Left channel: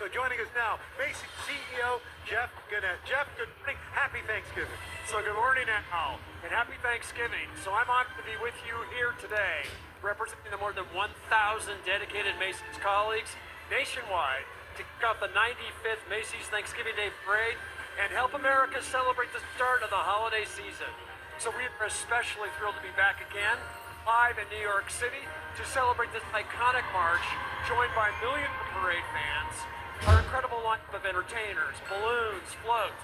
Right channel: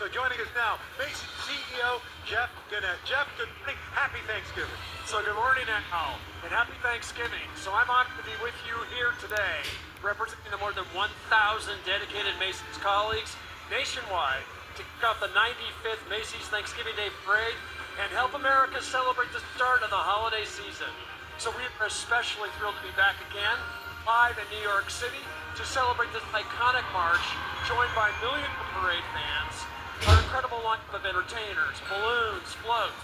So joining us now, Macy CEO Jeff Gannett. Jeff, good morning. Happy Thanksgiving. So good morning, Al, and happy Thanksgiving. So I'm honored to be with you here today, representing the more than 1,000 dedicated Macy's colleagues nationwide to kick off the 95th Macy's Thanksgiving Day Parade and help America celebrate the start of the holiday season. So we are especially thrilled to be back again, live in New York City, to celebrate this iconic march, joined by millions of parade fans, our incredible lineup of entertainers, balloons, floats,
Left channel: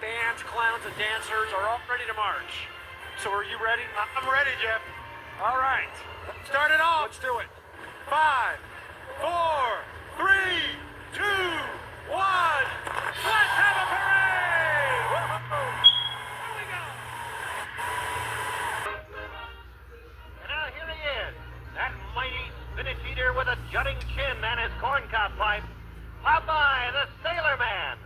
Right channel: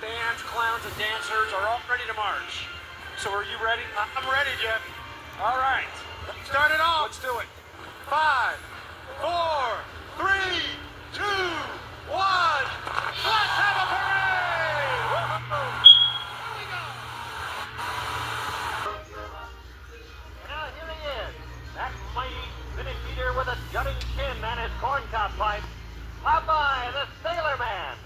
bands, clowns, and dancers are all ready to march. So are you ready? I'm ready, Jeff. All right. Start it off. Let's do it. 5, 4, 3, 2, 1. Let's have a parade! Woo-hoo! Here we go. And now here he is, that mighty Finnish eater with a jutting chin and his corncob pipe, Popeye the Sailor Man.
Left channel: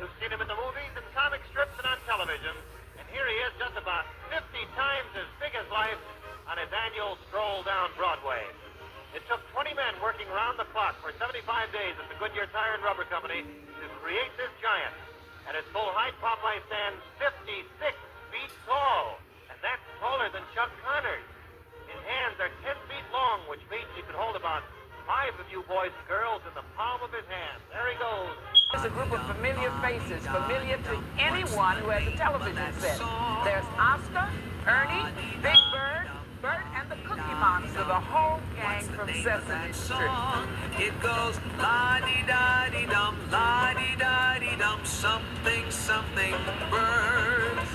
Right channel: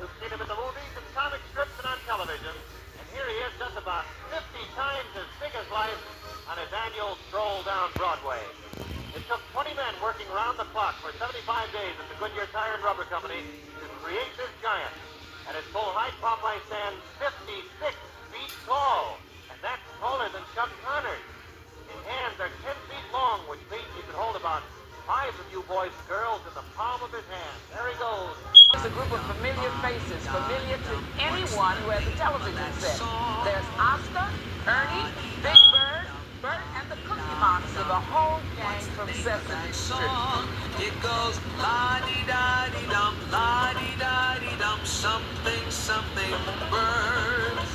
You've seen him in the movies and comic strips and on television, and here he is just about 50 times as big as life on his annual stroll down Broadway. It took 20 men working around the clock for 75 days at the Goodyear Tire and Rubber Company to create this giant. At its full height, Popeye stands 56 feet tall, and that's taller than Chuck Connors. His hands are 10 feet long, which means he can hold about 5 of you boys and girls in the palm of his hand. There he goes. It's a group of familiar faces, familiar to anyone who has a television set. There's Oscar, Ernie, Big Bird, Bert, and the Cookie Monster, the whole gang from Sesame Street. It goes la-dee-da-dee-dum, la-dee-da-dee-dum, something, something, birds.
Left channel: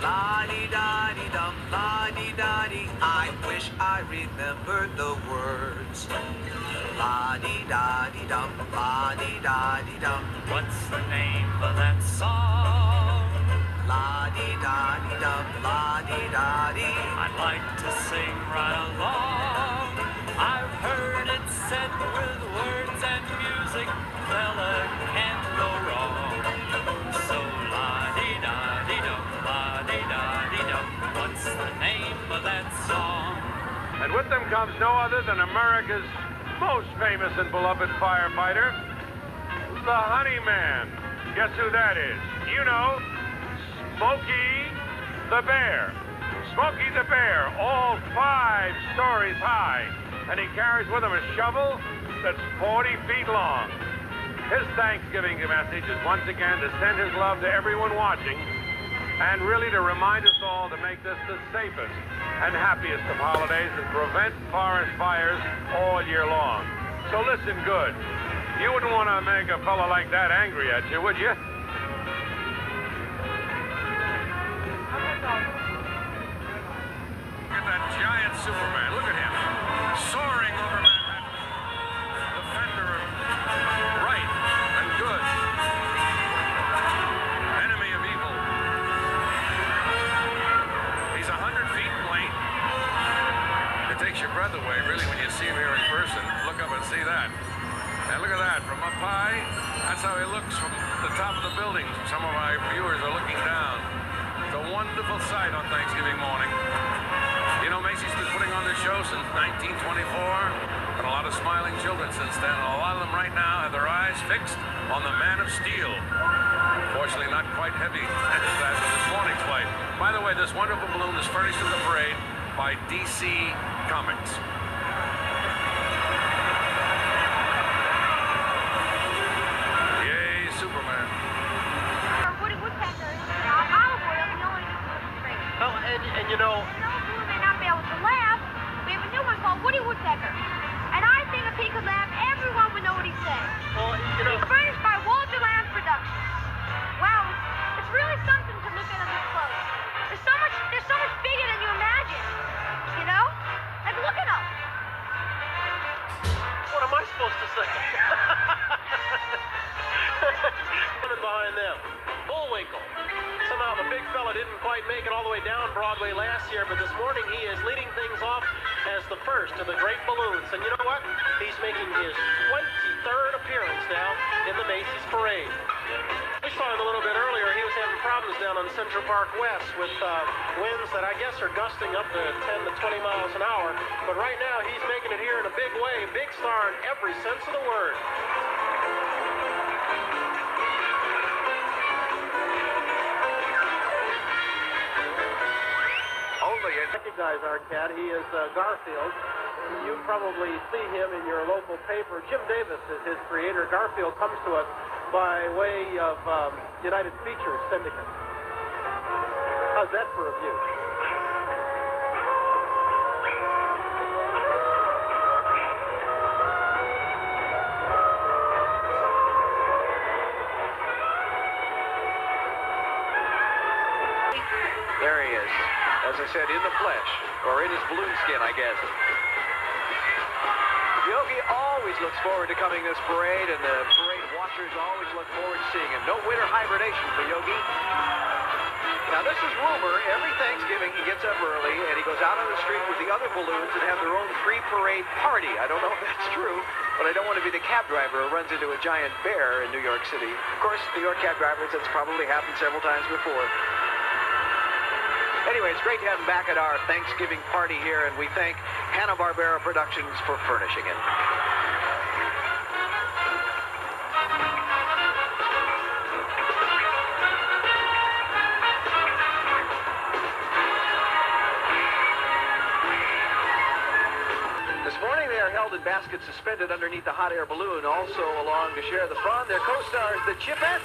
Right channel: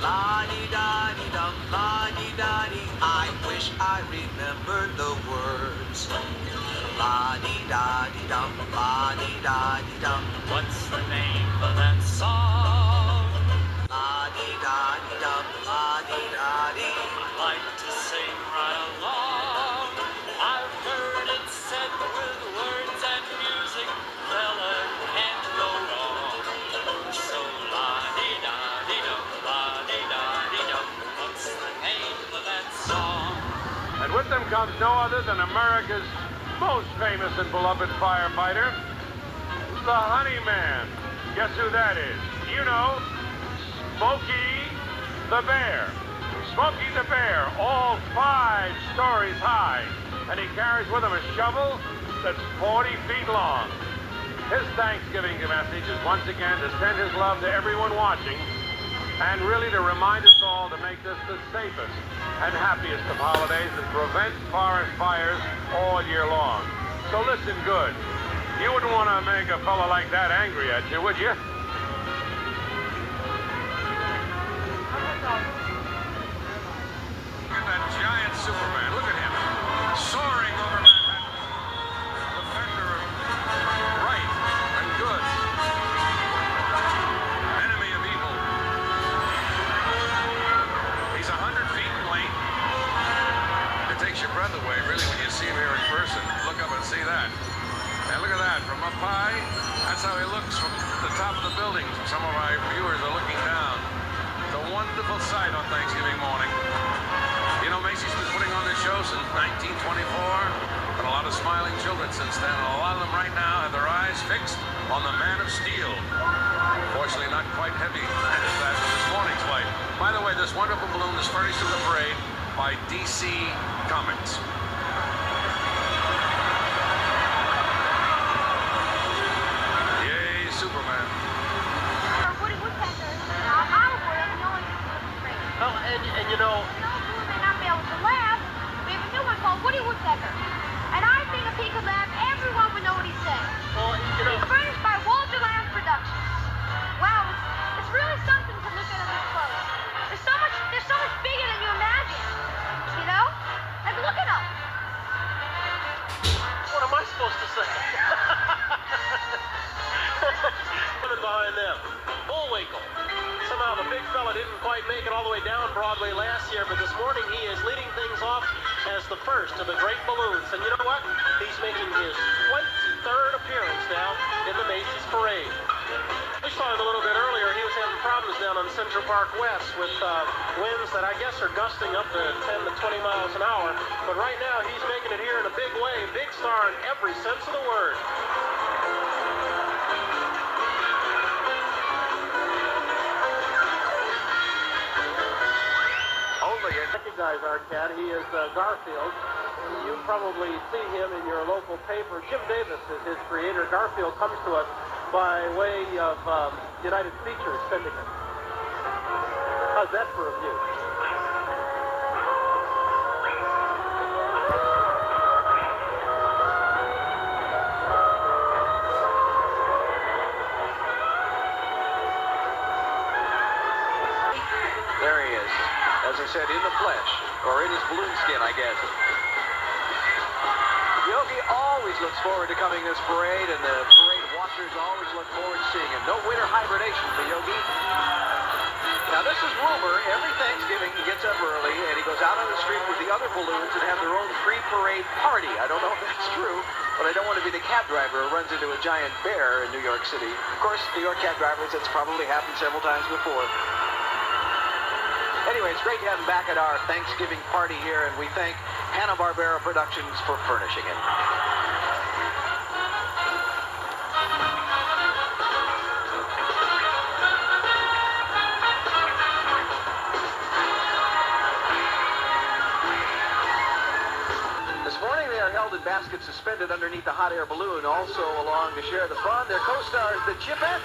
La-dee-da-dee-dum, la-dee-da-dee, I wish I remembered the words. La-dee-da-dee-dum, la-dee-da-dee-dum, What's the name of that song? la-dee-da-dee-dum, la-dee-da-dee. I like to sing right along. I've heard it said with words and music, fella can't go wrong. So la-dee-da-dee-dum, la-dee-da-dee-dum, what's the name of that song? And with them comes no other than America's most famous and beloved firefighter, the Honey Man. Guess who that is? You know, Smokey the Bear. Smokey the Bear, all 5 stories high, and he carries with him a shovel that's 40 feet long. His Thanksgiving message is once again to send his love to everyone watching, and really to remind us all to make this the safest and happiest of holidays and prevent forest fires all year long. So listen good. You wouldn't want to make a fella like that angry at you, would you? Look at that giant Superman. Look at him. Soaring over Manhattan. Defender of right and good. Enemy of evil. He's 100 feet in length. It takes your breath away, really, when you see him here in person. Look up and see that. And look at that. From up high, that's how he looks from the top of the building. Some of our viewers are looking down. It's a wonderful sight on Thanksgiving morning. You know, Macy's been putting on this show since 1924, but a lot of smiling children since then, and a lot of them right now have their eyes fixed on the Man of Steel. Fortunately, not quite heavy as that of this morning's flight. By the way, this wonderful balloon is furnished in the parade by DC Comics. Yay, Superman. Woody Woodpecker, olive oil, and no one can do it straight. Oh, and you know, Who may not be able to laugh, we have a new one called Woody Woodpecker. And I think if he could laugh, everyone would know what he's saying. well, you know, It's furnished by Walter Lamb Productions. Wow, it's really something to look at him up close. They're so much bigger than you imagine. You know? Like, look at him. what am I supposed to say? Coming behind them, Bullwinkle. Somehow the big fella didn't quite make it all the way down Broadway last year, but this morning he is leading things off as the first of the great balloons. And you know what? He's making his 23rd appearance now in the Macy's Parade. We saw him a little bit earlier. He was having problems down on Central Park West with winds that I guess are gusting up to 10 to 20 miles an hour. But right now he's making it here in a big way. Big star in every sense of the word. guys are, Cat. He is Garfield. You probably see him in your local paper. Jim Davis is his creator. Garfield comes to us by way of United Features Syndicate. How's that for a view? There he is, as I said, in the flesh, or in his balloon skin, I guess. Yogi always looks forward to coming this parade, and the parade watchers always look forward to seeing him. No winter hibernation for Yogi. Now, this is rumor. Every Thanksgiving, he gets up early, and he goes out on the street with the other balloons and have their own pre-parade party. I don't know if that's true, but I don't want to be the cab driver who runs into a giant bear in New York City. Of course, New York cab drivers, it's probably happened several times before. Anyway, it's great to have him back at our Thanksgiving party here, and we thank Hanna-Barbera Productions for furnishing it. This morning they are held in baskets suspended underneath the hot air balloon. Also along to share the fun, their co-stars, the Chipettes.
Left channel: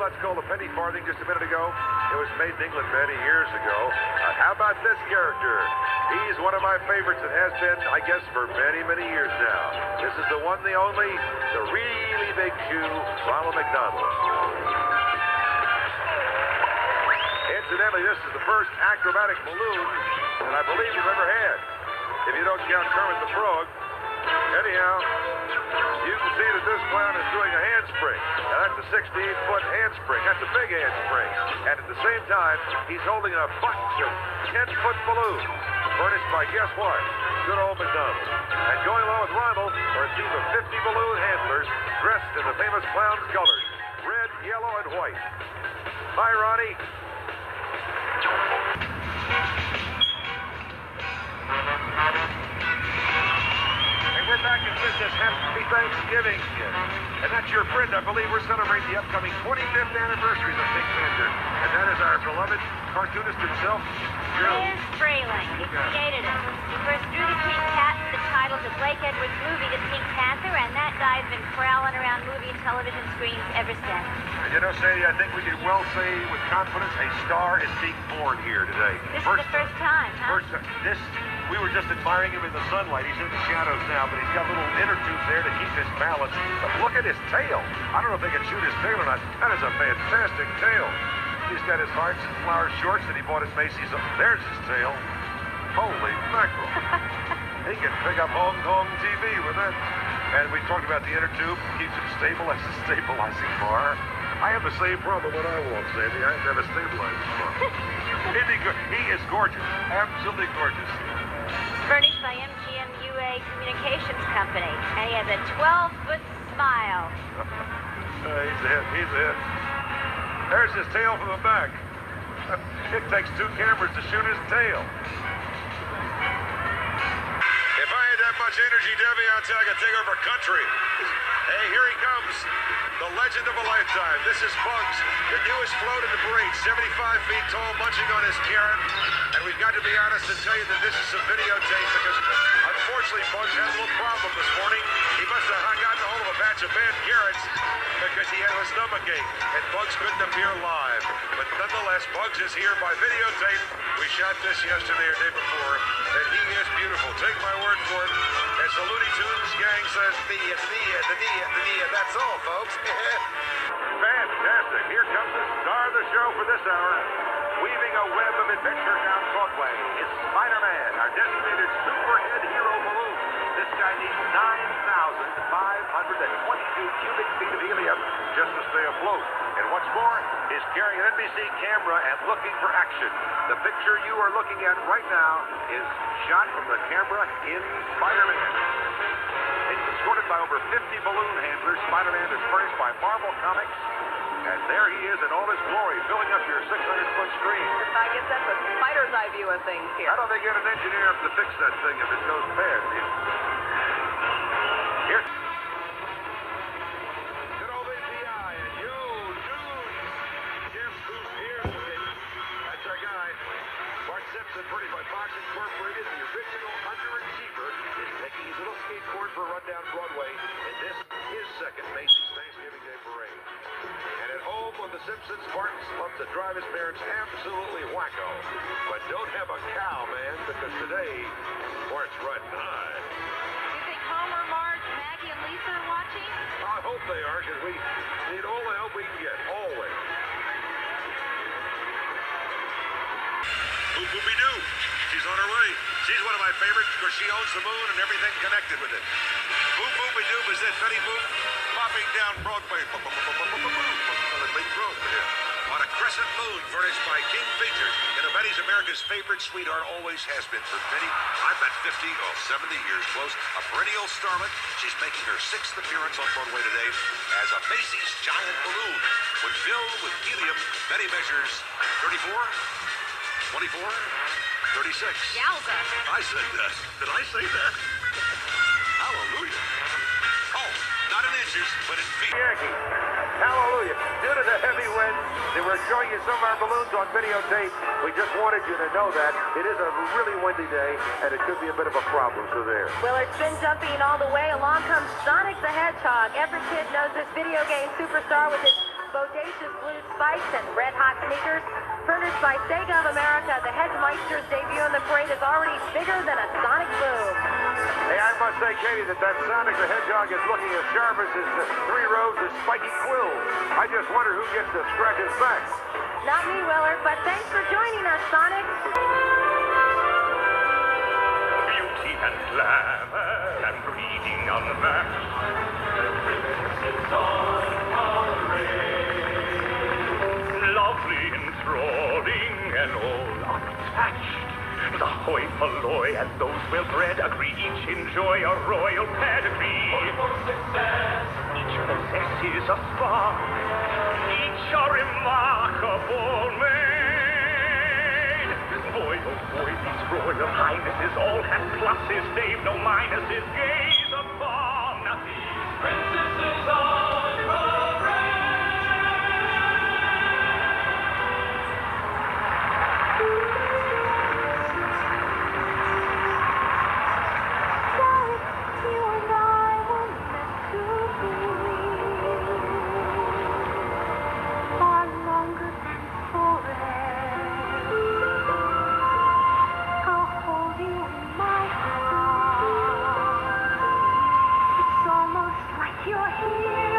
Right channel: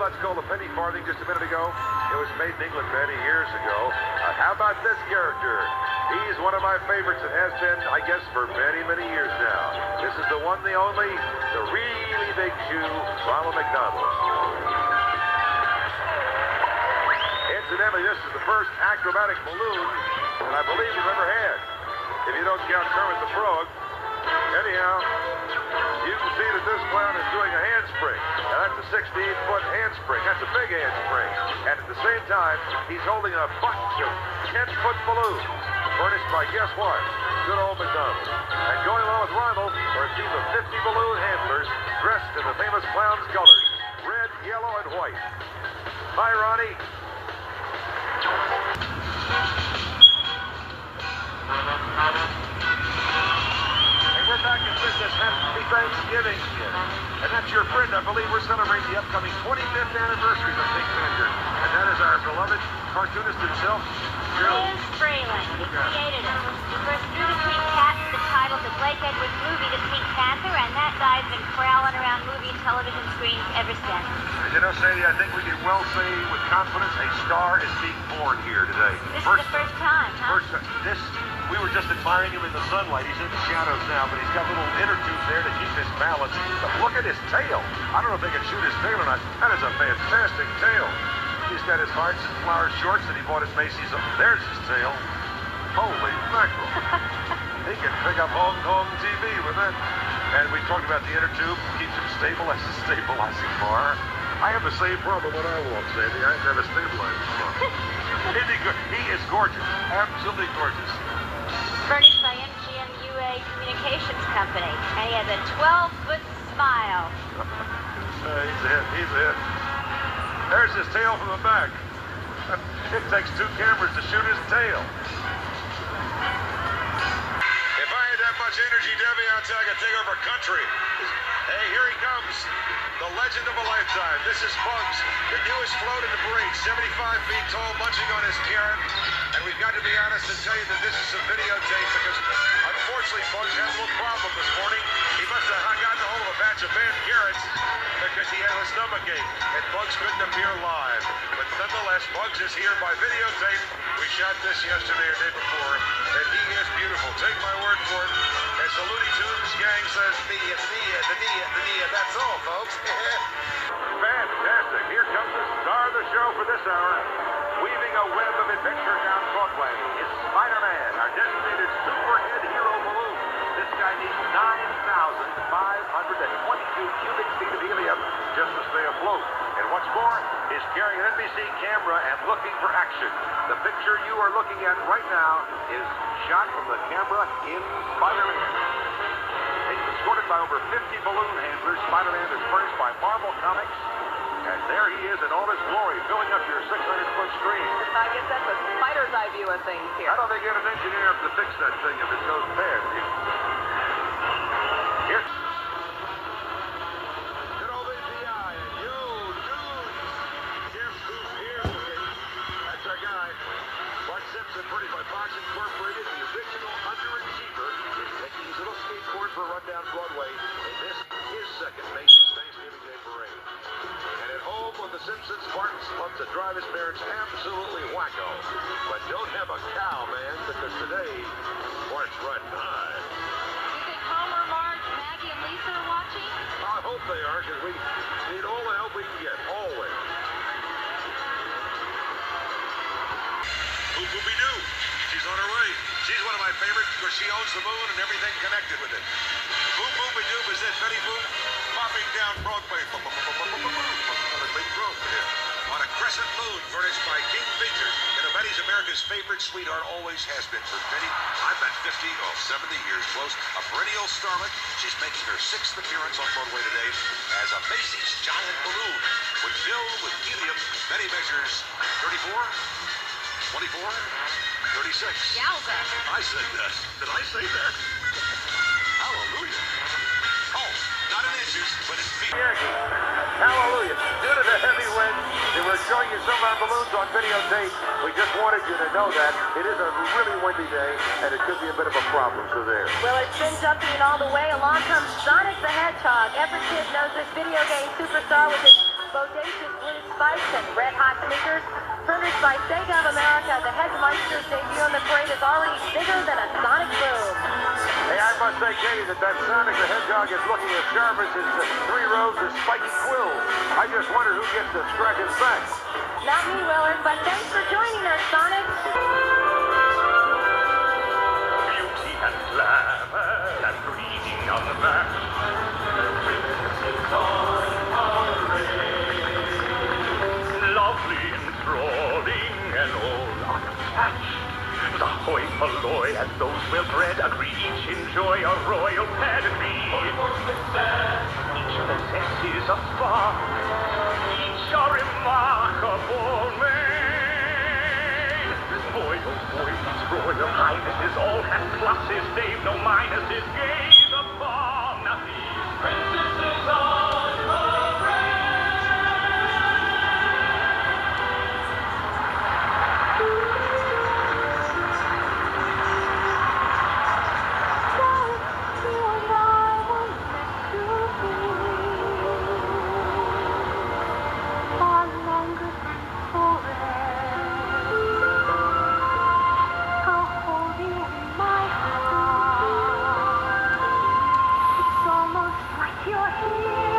Let's call the penny farthing just a minute ago. It was made in England many years ago. How about this character? He's one of my favorites and has been, I guess, for many, many years now. This is the one, the only, the really big Jew, Ronald McDonald. Incidentally, this is the first acrobatic balloon that I believe we've ever had. If you don't count Kermit the Frog. Anyhow, you can see that this clown is doing a handspring. Now, that's a 68-foot handspring. That's a big handspring. And at the same time, he's holding a bunch of 10-foot balloons, furnished by, guess what? Good old McDonald. And going along with Ronald are a team of 50 balloon handlers dressed in the famous clown's colors, red, yellow, and white. Hi, Ronnie. We're back in business. Happy Thanksgiving. And that's your friend. I believe we're celebrating the upcoming 25th anniversary of Pink Panther. And that is our beloved cartoonist himself, Liz Freeland. He created it. He first drew the pink cat with the title to Blake Edwards' movie, The Pink Panther, and that guy's been prowling around movie and television screens ever since. You know, Sadie, I think we can well say with confidence a star is being born here today. This is the first time, huh? We were just admiring him in the sunlight. He's in the shadows now, but he's got little inner tubes there to keep his balance. But look at his tail. I don't know if they can shoot his tail or not. That is a fantastic tail. He's got his Hearts and Flowers shorts that he bought at Macy's. There's his tail. Holy mackerel. He can pick up Hong Kong TV with it. And we talked about the inner tube, keeps it stable as a stabilizing bar. I have the same problem when I walk, Sandy. I never stabilized the bar. He is gorgeous, absolutely gorgeous. Furnished by MGMUA Communications Company, and he has a 12-foot smile. He's a hit, he's a hit. There's his tail from the back. It takes 2 cameras to shoot his tail. If I had that much energy, Debbie, I'll tell you I could take over a country. Hey, here he comes. The legend of a lifetime. This is Bugs, the newest float in the parade, 75 feet tall, munching on his carrot. And we've got to be honest and tell you that this is a videotape because, unfortunately, Bugs had a little problem this morning. He must have gotten a hold of a batch of bad carrots because he had a stomachache, and Bugs couldn't appear live. But nonetheless, Bugs is here by videotape. We shot this yesterday or day before, and he is beautiful. Take my word for it. As the Looney Tunes gang says, the that's all, folks. Fantastic. Here comes the star of the show for this hour. Weaving a web of adventure down Broadway is Spider-Man, our designated superhead hero balloon. This guy needs 9,522 cubic feet of helium just to stay afloat. And what's more, he's carrying an NBC camera and looking for action. The picture you are looking at right now is shot from the camera in Spider-Man. It's escorted by over 50 balloon handlers. Spider-Man is furnished by Marvel Comics. And there he is in all his glory, filling up your 600-foot screen. I guess that's a spider's eye view of things here. How do they get an engineer up to fix that thing if it goes bad? Here. Good old API and you, dudes. Guess who's here looking? That's our guy. Bart Simpson, produced by Fox Incorporated. The original underachiever is taking his little skateboard for a run down Broadway. And this is his second Macy's Thanksgiving Day Parade. And at home with the Simpsons, Bart loves to drive his parents absolutely wacko. But don't have a cow, man, because today, Bart's riding high. You think Homer, Marge, Maggie, and Lisa are watching? I hope they are, because we need all the help we can get, always. Boop boopy doo. She's on her way. She's one of my favorites because she owns the moon and everything connected with it. Boop boopy doo is that Betty Boop popping down Broadway. On a crescent moon furnished by King Features. And Betty's America's favorite sweetheart, always has been. For Betty, I've been 50 or 70 years close. A perennial starlet. She's making her 6th appearance on Broadway today as a Macy's giant balloon. When filled with helium, Betty measures 34, 24, 36. Yowza. I said that. Did I say that? Hallelujah. Oh, not in inches, but in feet. Hallelujah. Due to the heavy wind, they were showing you some of our balloons on videotape. We just wanted you to know that. It is a really windy day, and it could be a bit of a problem, so there. Well, it's been jumping all the way. Along comes Sonic the Hedgehog. Every kid knows this video game superstar with his bodacious blue spikes and red-hot sneakers. Furnished by Sega of America, the Headmeister's debut in the parade is already bigger than a sonic boom. Hey, I must say, Katie, that Sonic the Hedgehog is looking as sharp as his 3 rows of spiky quills. I just wonder who gets to scratch his back. Not me, Willard, but thanks for joining us, Sonic. Beauty and glamour and breeding on the back. Lovely, enthralling, and all unattached. The hoi polloi and those well-bred agree each enjoy a royal pedigree. Each possesses a spark, each a remarkable maid. Boy, oh boy, these royal highnesses all have pluses, they've no minuses. Gaze upon these princesses on parade. You're here.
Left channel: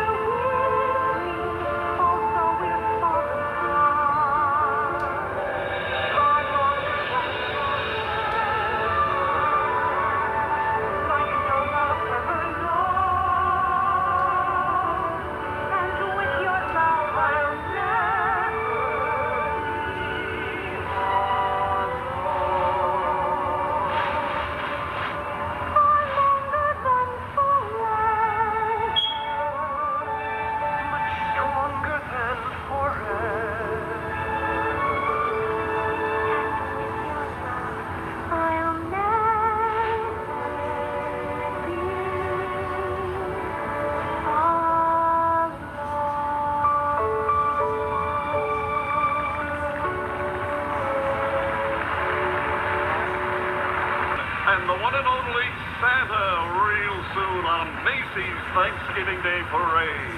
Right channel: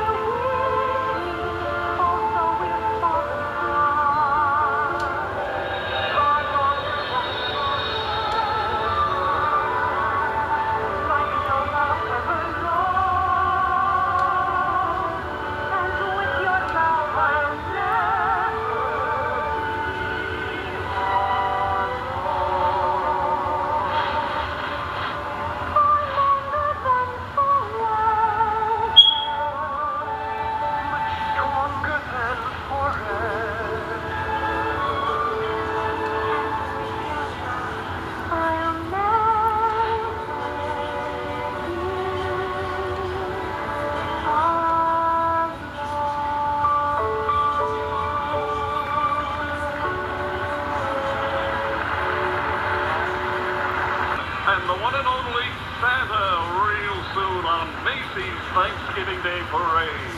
and the one and only Santa real soon on Macy's Thanksgiving Day Parade.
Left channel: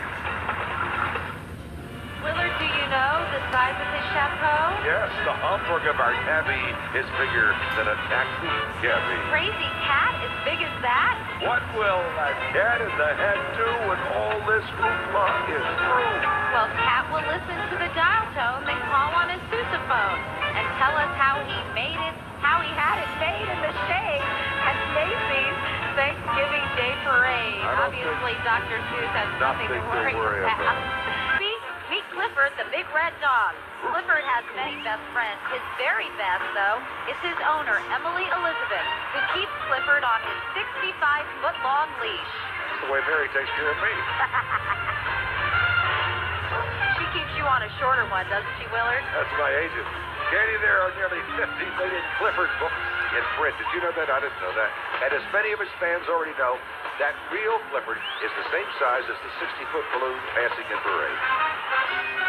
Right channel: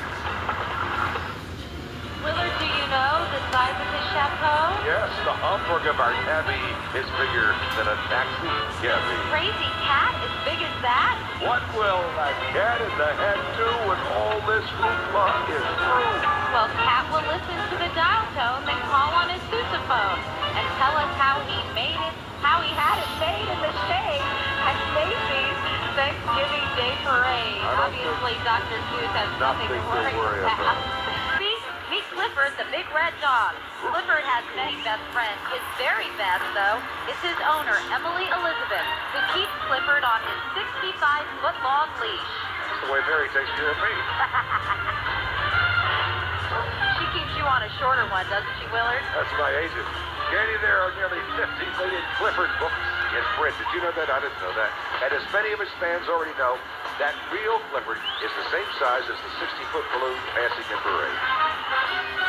Willard, do you know the size of his chateau? Yes, the Hamburg of our tabby is bigger than a taxi cabby. Crazy cat as big as that? What will a cat in the head do when all this hoopla is through? Well, Cat will listen to the dial tone, then call on his sousaphone and tell us how he made it, how he had it made in the shade at Macy's Thanksgiving Day Parade. Obviously, Dr. Seuss has nothing to worry about. See? Meet Clifford, the big red dog. Clifford has many best friends. His very best, though, is his owner, Emily Elizabeth, who keeps Clifford on his 65-foot-long leash. That's the way Mary takes care of me. She keeps you on a shorter one, doesn't she, Willard? That's my agent. Danny, there are nearly 50 million Clifford books in print. Did you know that? I didn't know that. And as many of his fans already know, that real Clifford is the same size as the 60-foot balloon passing in parade.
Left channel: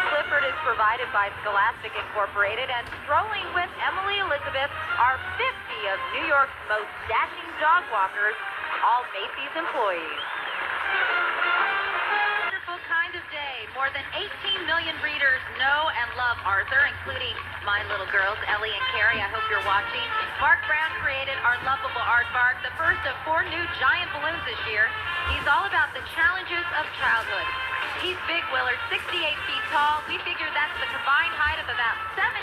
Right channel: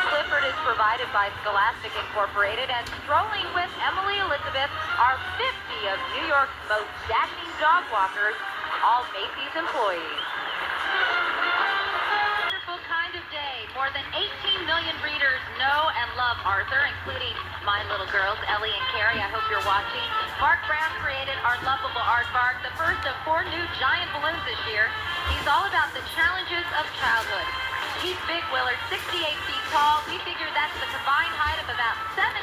Clifford is provided by Scholastic Incorporated, and strolling with Emily Elizabeth are 50 of New York's most dashing dog walkers, all Macy's employees. Wonderful kind of day. More than 18 million readers know and love Arthur, including my little girls, Ellie and Carrie. I hope you're watching. Mark Brown created our lovable aardvark, the first of 4 new giant balloons this year. He's all about the challenges of childhood. He's big, Willard, 68 feet tall. We figure that's the combined height of about 17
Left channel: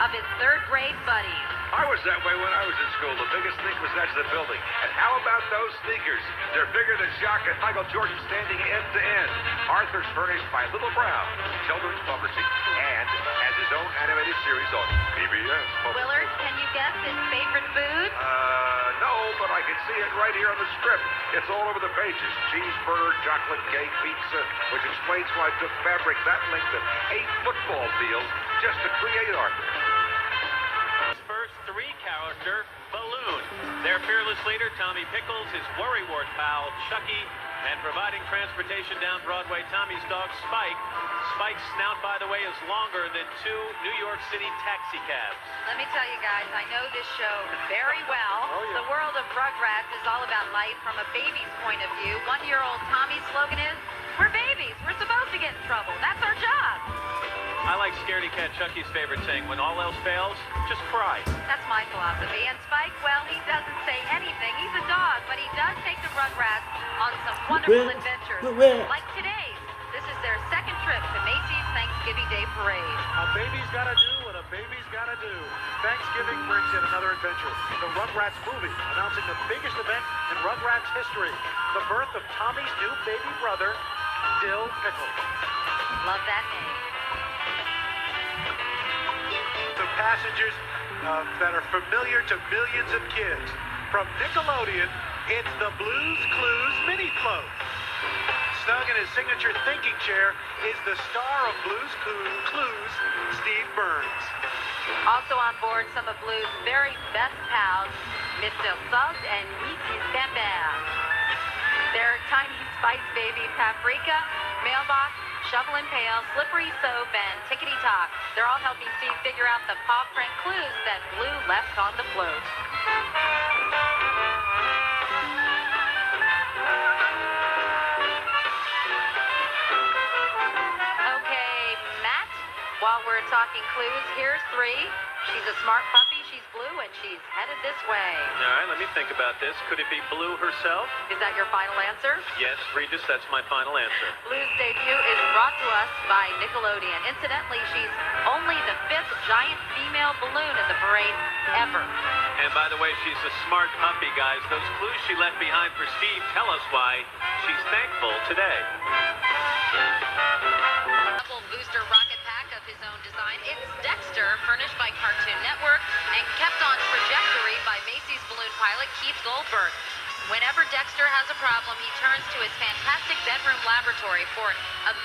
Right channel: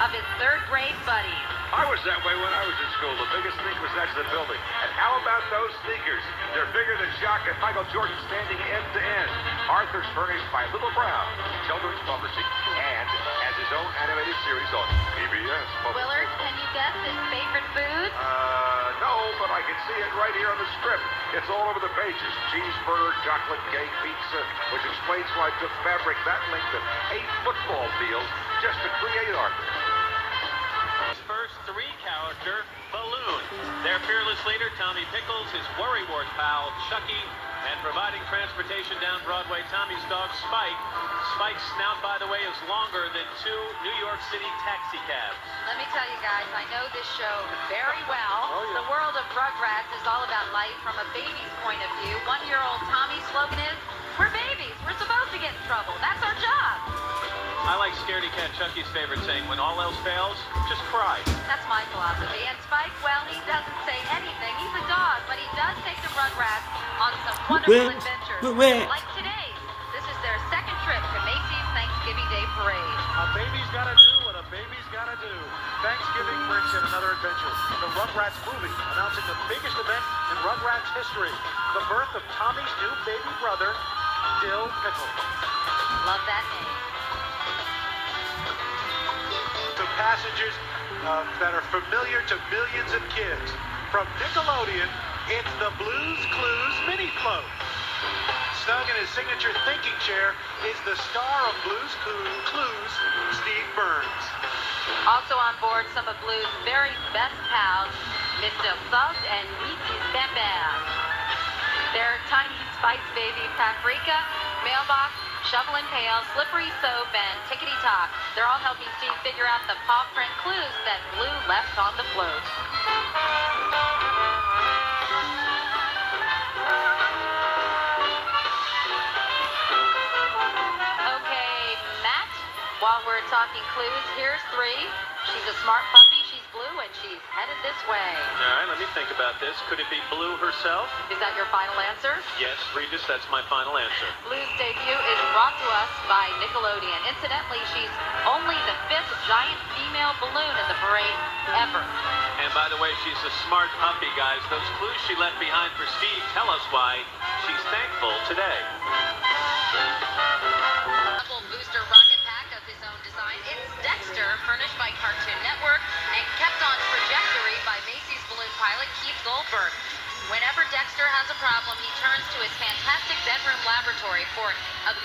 of his third-grade buddies. I was that way when I was in school. The biggest thing was that's the building. And how about those sneakers? They're bigger than Jacques and Michael Jordan standing end to end. Arthur's furnished by Little Brown, children's publishing, and has his own animated series on PBS. Willard, can you guess his favorite food? No, but I can see it right here on the script. It's all over the pages. Cheeseburger, chocolate cake, pizza, which explains why I took fabric that length of 8 football fields just to create Arthur. His first 3-character balloon. Their fearless leader, Tommy Pickles, his worrywart pal, Chucky, and providing transportation down Broadway, Tommy's dog, Spike. Spike's snout, by the way, is longer than 2 New York City taxi cabs. Let me tell you guys, I know this show very well. The world of Rugrats is all about life from a baby's point of view. 1-year-old Tommy's slogan is, "We're babies. We're supposed to get in trouble. That's our job." I like Scaredy Cat Chucky's favorite saying, when all else fails, just cry. That's my philosophy. And Spike, well, he doesn't say anything. He's a dog, but he does take the Rugrats on some wonderful adventures. Like today. This is their second trip to Macy's Thanksgiving Day Parade. A baby's gotta do what a baby's gotta do. Thanksgiving brings in another adventure. The Rugrats movie, announcing the biggest event in Rugrats history. The birth of Tommy's new baby brother, Dill Pickle. Love that name. The passengers that are familiar to millions of kids. From Nickelodeon, it's the Blue's Clues mini float. Snug in his signature thinking chair is the star of Blue's Clues, Steve Burns. Also on board, some of Blue's very best pals, Mr. Salt and Mrs. Pepper. Their tiny spice baby Paprika, Mailbox, Shovel and Pail, Slippery Soap, and Tickety Top. They're all helping Steve figure out the paw print clues that Blue left on the float. Okay, Matt, while we're talking clues, here's 3. She's a smart puppy, she's Blue, and she's headed this way. All right, let me think about this. Could it be Blue herself? Is that your final answer? Yes, Regis, that's my final answer. Blue's debut is brought to us by Nickelodeon. Incidentally, she's only the 5th giant female balloon in the parade ever. And by the way, she's a smart puppy, guys. Those clues she left behind for Steve tell us why she's thankful today. Double booster rocket pack of his own design. It's Dexter, furnished by Cartoon Network and kept on trajectory by Macy's balloon pilot Keith Goldberg. Whenever Dexter has a problem, he turns to his fantastic bedroom laboratory for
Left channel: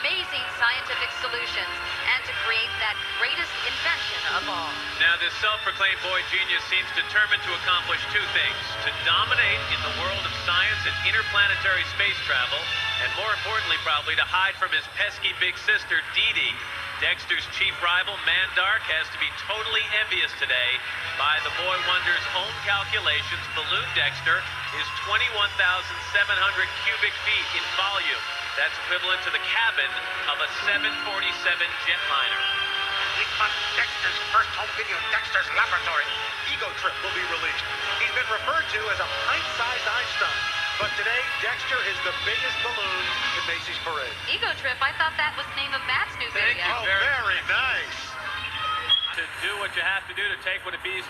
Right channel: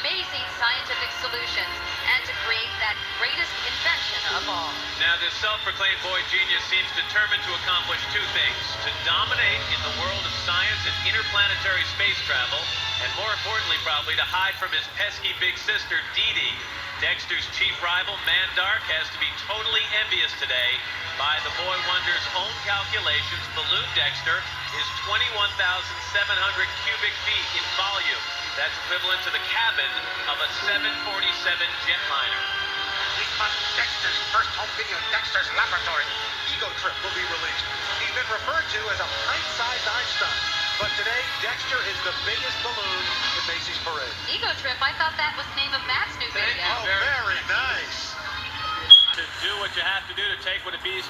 amazing scientific solutions and to create that greatest invention of all. Now, this self-proclaimed boy genius seems determined to accomplish 2 things: to dominate in the world of science and interplanetary space travel, and more importantly, probably, to hide from his pesky big sister, Dee Dee. Dexter's chief rival, Mandark, has to be totally envious today. By the Boy Wonder's own calculations, Balloon Dexter is 21,700 cubic feet in volume. That's equivalent to the cabin of a 747 jetliner. This month, Dexter's first home video, Dexter's Laboratory, Ego Trip, will be released. He's been referred to as a pint-sized Einstein. But today, Dexter is the biggest balloon in Macy's parade. Ego Trip, I thought that was the name of Matt's new Thank video. you Very nice. To do what you have to do to take what it takes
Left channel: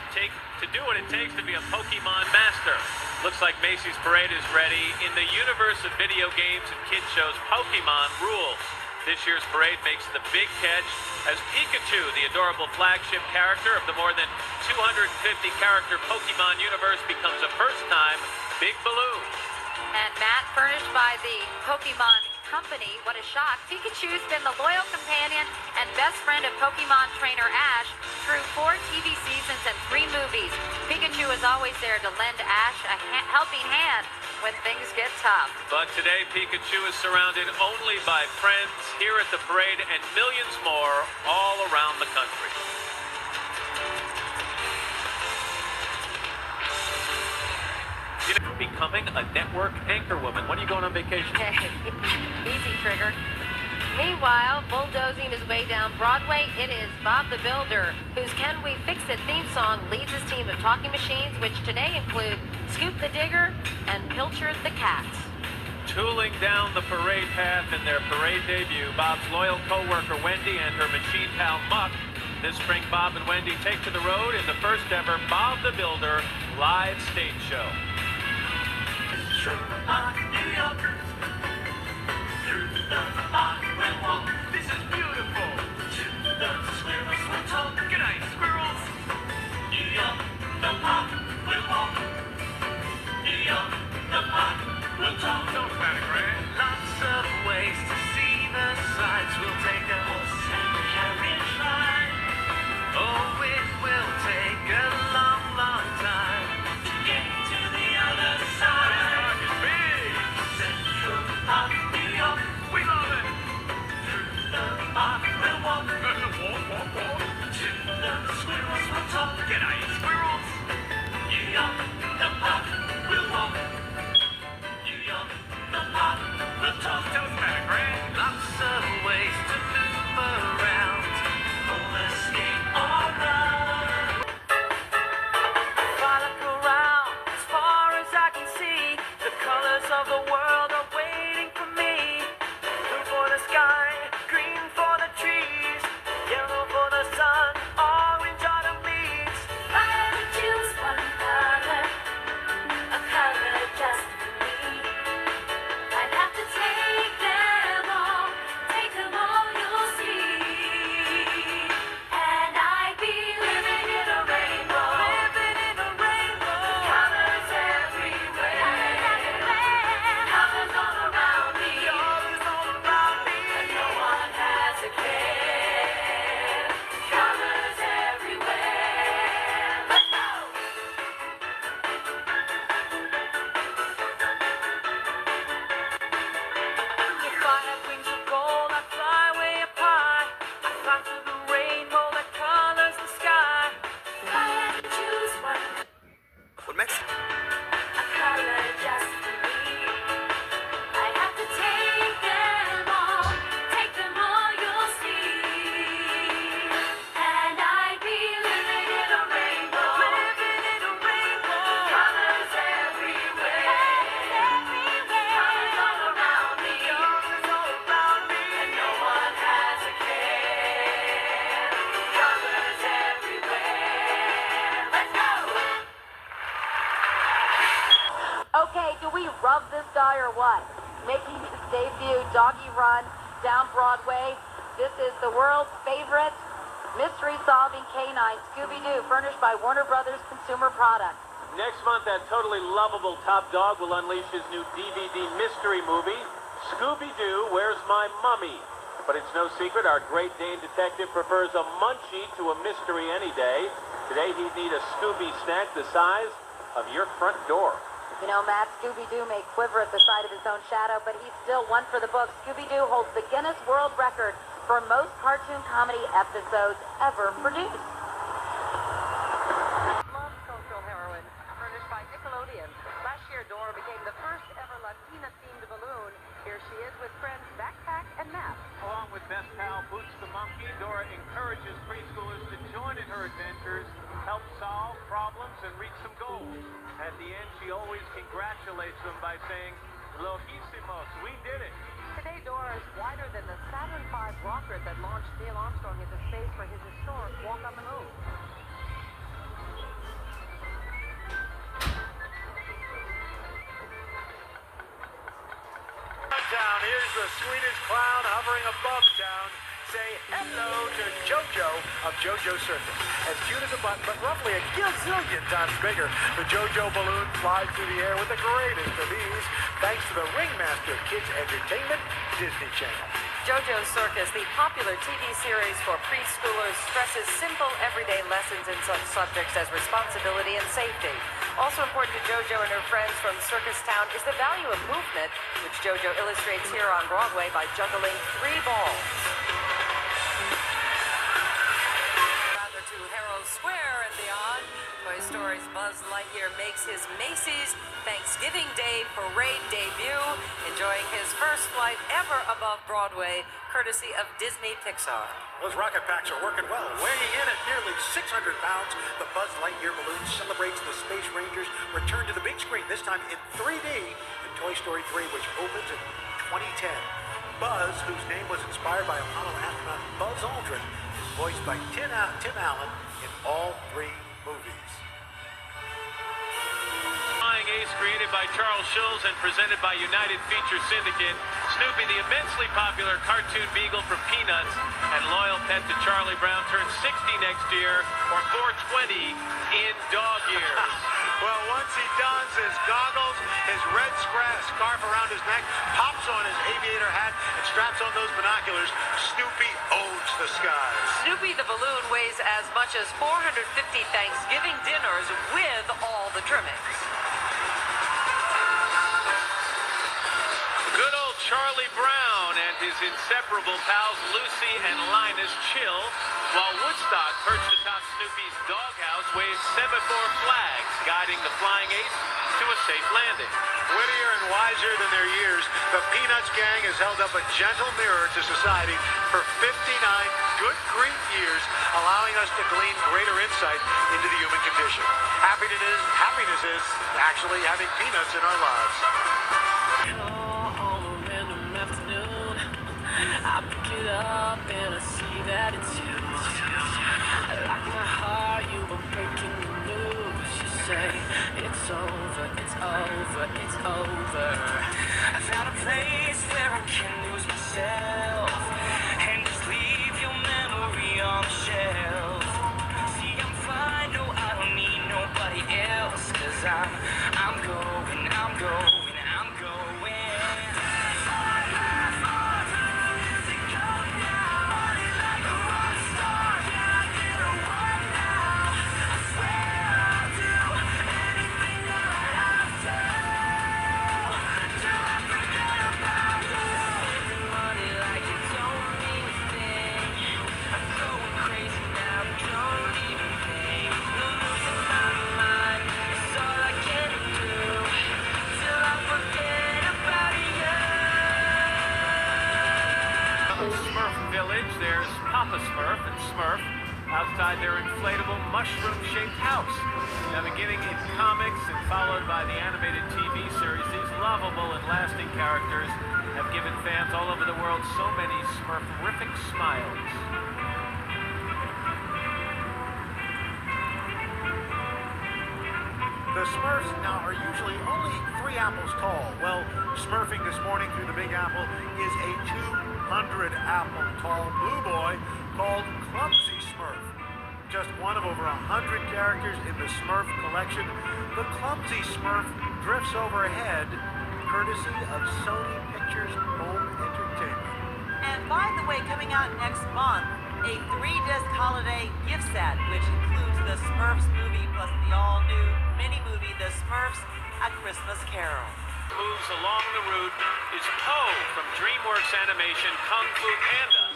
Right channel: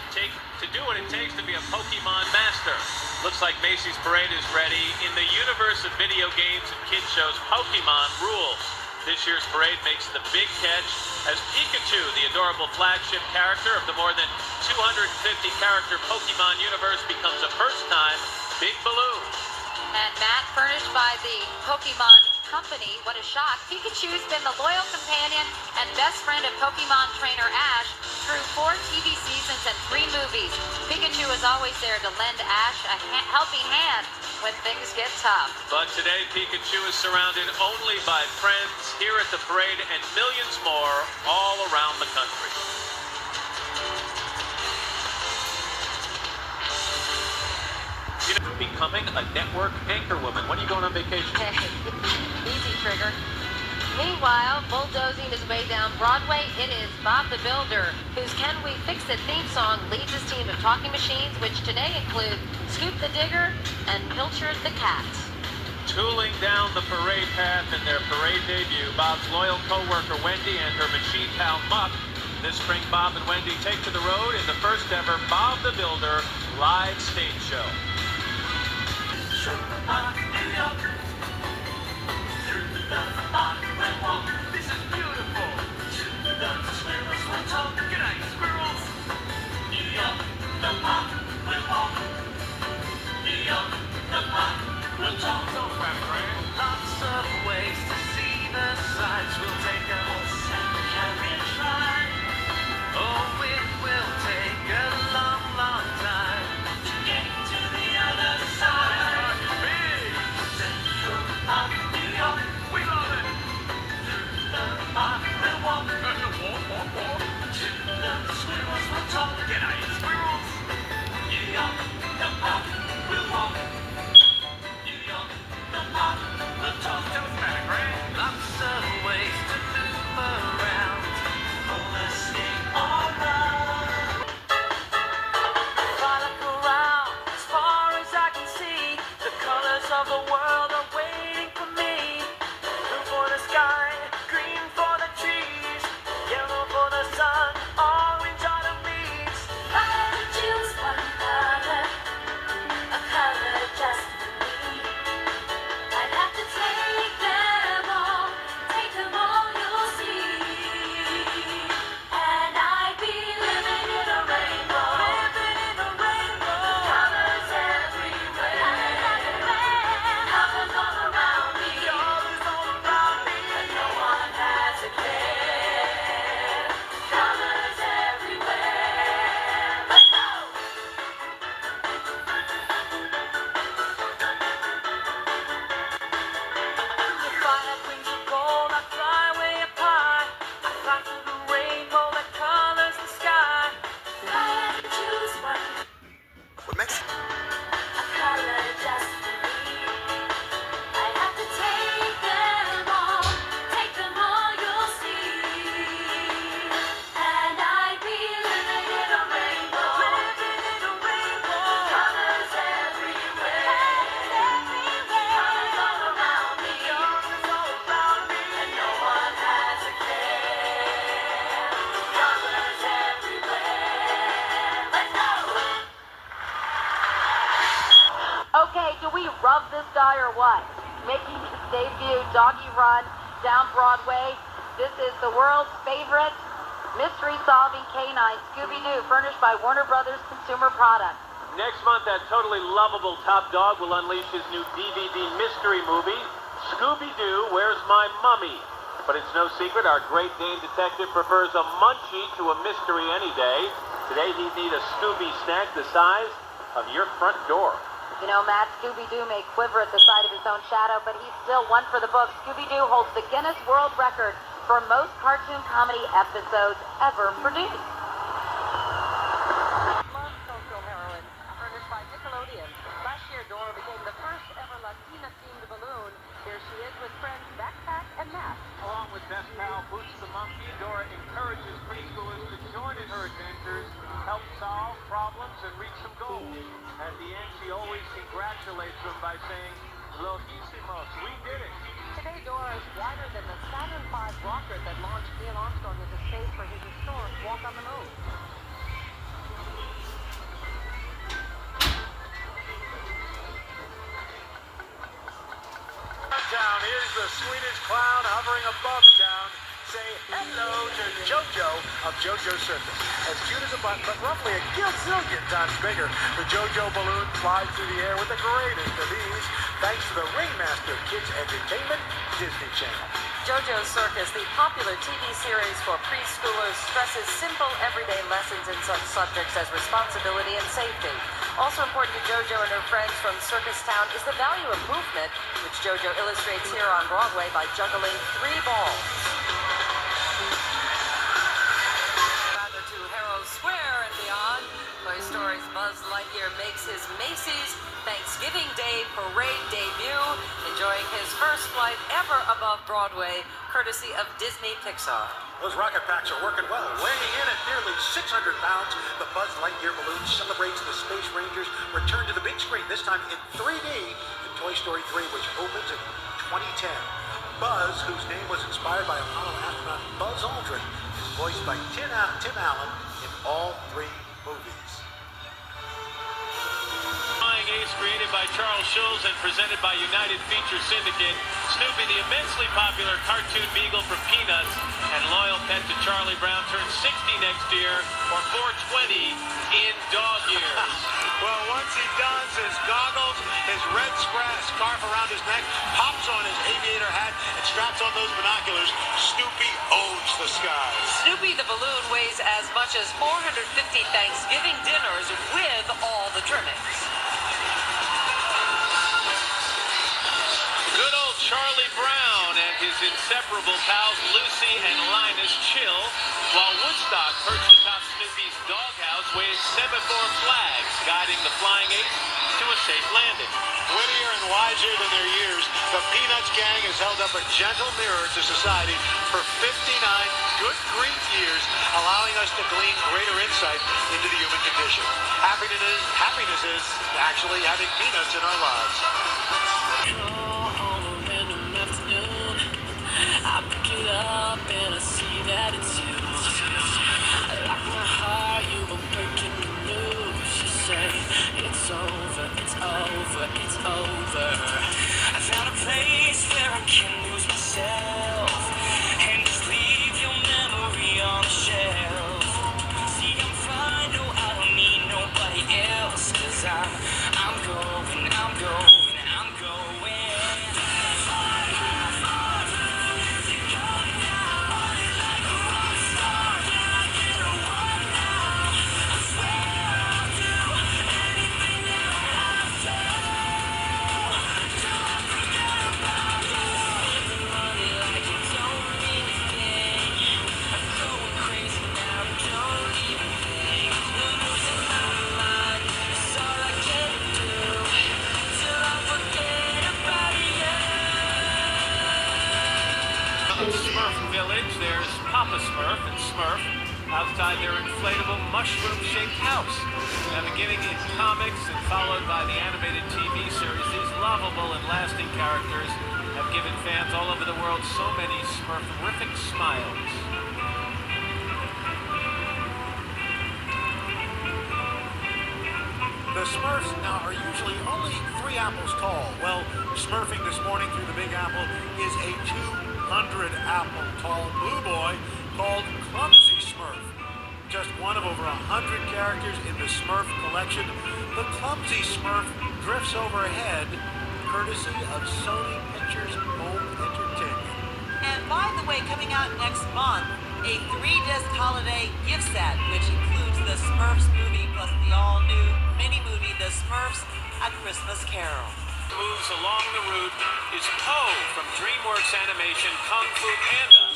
to be a Pokemon master. Looks like Macy's parade is ready. In the universe of video games and kids shows, Pokemon rules. This year's parade makes the big catch as Pikachu, the adorable flagship character of the more than 250 character Pokemon universe, becomes a first-time big balloon. And Matt, furnished by the Pokemon Company, what a shock. Pikachu's been the loyal companion and best friend of Pokemon trainer Ash through 4 TV seasons and 3 movies. Pikachu is always there to lend Ash a helping hand when things get tough. But today, Pikachu is surrounded only by friends here at the parade and millions more all around the country. Becoming a network anchorwoman. When are you going on vacation? Easy, Trigger. Meanwhile, bulldozing his way down Broadway, it is Bob the Builder, whose Can We Fix It theme song leads his team of talking machines, which today include Scoop the Digger and Pilchard the Cat. Tooling down the parade path in their parade debut, Bob's loyal co-worker Wendy and her machine pal Muck. This spring, Bob and Wendy take to the road in the first ever Bob the Builder live stage show. Through the park we'll walk. This is beautiful. To the squirrels we'll talk. Good night, squirrels. The park we'll walk. The park we'll talk. Lots of ways to see the sights. We'll take a horse and carriage ride. Oh, it will take a long, long time to get to the other side. We love it! Through the park we'll walk. Walk. To the squirrels we'll talk. Get out, you squirrels! The park we'll walk. The park we'll talk. Doesn't matter, right? Lots of ways to move around. Roller skate or run. Fly around as far as I can see. The colors of the world are waiting for me. Blue for the sky, green for the trees, yellow for the sun, orange are the leaves. If I had to choose one color, a color just for me, I'd have to take them all you'll see. And I'd be living in a rainbow, colors everywhere, colors all around me, and no one has a care. Colors everywhere. Let's go! If I had wings of gold, I'd fly way up high. I'd fly through the rainbow that colors the sky. If I had to choose one, What Mexico? a color just for me, I'd have to take them all you'll see. And I'd be living in a rainbow, colors everywhere, colors all around me, and no one has a care. Colors everywhere. Let's go! Okay, do we rub this guy or what? Making his debut doggy run down Broadway. This is the world's favorite mystery-solving canine, Scooby-Doo, furnished by Warner Brothers Consumer Products. Next month, that totally lovable top dog will unleash his new DVD mystery movie, Scooby-Doo, Where's My Mummy? But it's no secret, our Great Dane detective prefers a munchie to a mystery any day. Today, he'd need a Scooby snack the size of your front door. You know, Matt, Scooby-Doo may quiver at the sight of his own shadow, but he's still one for the books. Scooby-Doo holds the Guinness World Record for most cartoon comedy episodes ever produced. Love Social Heroine, furnished by Nickelodeon. Last year, Dora became the first ever Latina-themed balloon. Here she is with friends Backpack and Matt. Along with best pal Boots the Monkey, Dora encourages preschoolers to join in her adventures, help solve problems, and reach some goals. At the end, she always congratulates them by saying, "Loquísimos, we did it." Today, Dora is wider than the Saturn V rocket that launched Neil Armstrong into space for his historic walk on the moon. Down, here's the Swedish clown hovering above town. Say hello to JoJo of JoJo Circus. As cute as a button, but roughly a gazillion times bigger. The JoJo balloon flies through the air with the greatest of ease, thanks to the Ringmaster Kids Entertainment Disney Channel. JoJo Circus, the popular TV series for preschoolers, stresses simple everyday lessons in such subjects as responsibility and safety. Also important to JoJo and her friends from Circus Town is the value of movement, which JoJo illustrates here on Broadway by juggling 3 balls. Rather to Herald Square and beyond, Toy Story's Buzz Lightyear makes his Macy's Thanksgiving Day parade debut, enjoying his first flight ever above Broadway, courtesy of Disney Pixar. Those rocket packs are working well. Weighing in at nearly 600 pounds, the Buzz Lightyear balloon celebrates the Space Rangers' return to the big screen, this time in 3D in Toy Story 3, which opens in 2010. Buzz, whose name was inspired by Apollo astronaut Buzz Aldrin, is voiced by Tim Allen in all 3 movies. Flying Ace, created by Charles Schulz and presented by United Feature Syndicate. Snoopy, the immensely popular cartoon beagle from Peanuts and loyal pet to Charlie Brown, turns 60 next year, or 420 in dog years. Well, once he dons his goggles, his red scarf around his neck, pops on his aviator hat, and straps on those binoculars, Snoopy owns the skies. Snoopy the balloon weighs as much as 450 Thanksgiving dinners with all the trimmings. Good old Charlie Brown and his inseparable pals Lucy and Linus chill, while Woodstock, perched atop Snoopy's doghouse, waves semaphore flags, guiding the Flying Ace to a safe landing. Wittier and wiser than their years, the Peanuts gang has held up a gentle mirror to society for 59 good grief years, allowing us to glean greater insight into the human condition. Happiness is actually having peanuts in our lives. I pick it up and I see that it's you. Like my heart, you were breaking the news. You say it's over, it's over, it's over. I found a place where I can lose myself and just leave your memory on the shelf. See, I'm fine, no, I don't need nobody else, 'cause I'm going, I'm going, I'm going. Smurf Village, there's Papa Smurf and Smurf outside their inflatable mushroom-shaped house. Now, beginning in comics and followed by the animated TV series, these lovable and lasting characters have given fans all over the world so many Smurferific smiles. The Smurfs now are usually only 3 apples tall. Well, smurfing this morning through the Big Apple is a 200-apple tall blue boy called Clumsy Smurf. Just one of over 100 characters in the Smurf collection, the Clumsy Smurf drifts overhead, courtesy of Sony Pictures Home Entertainment. And by the way, coming out next month, a 3-disc holiday gift set, which includes the Smurfs movie plus the all-new mini-movie, The Smurfs: A Christmas Carol. Moves along the route is Poe from DreamWorks Animation Kung Fu Panda.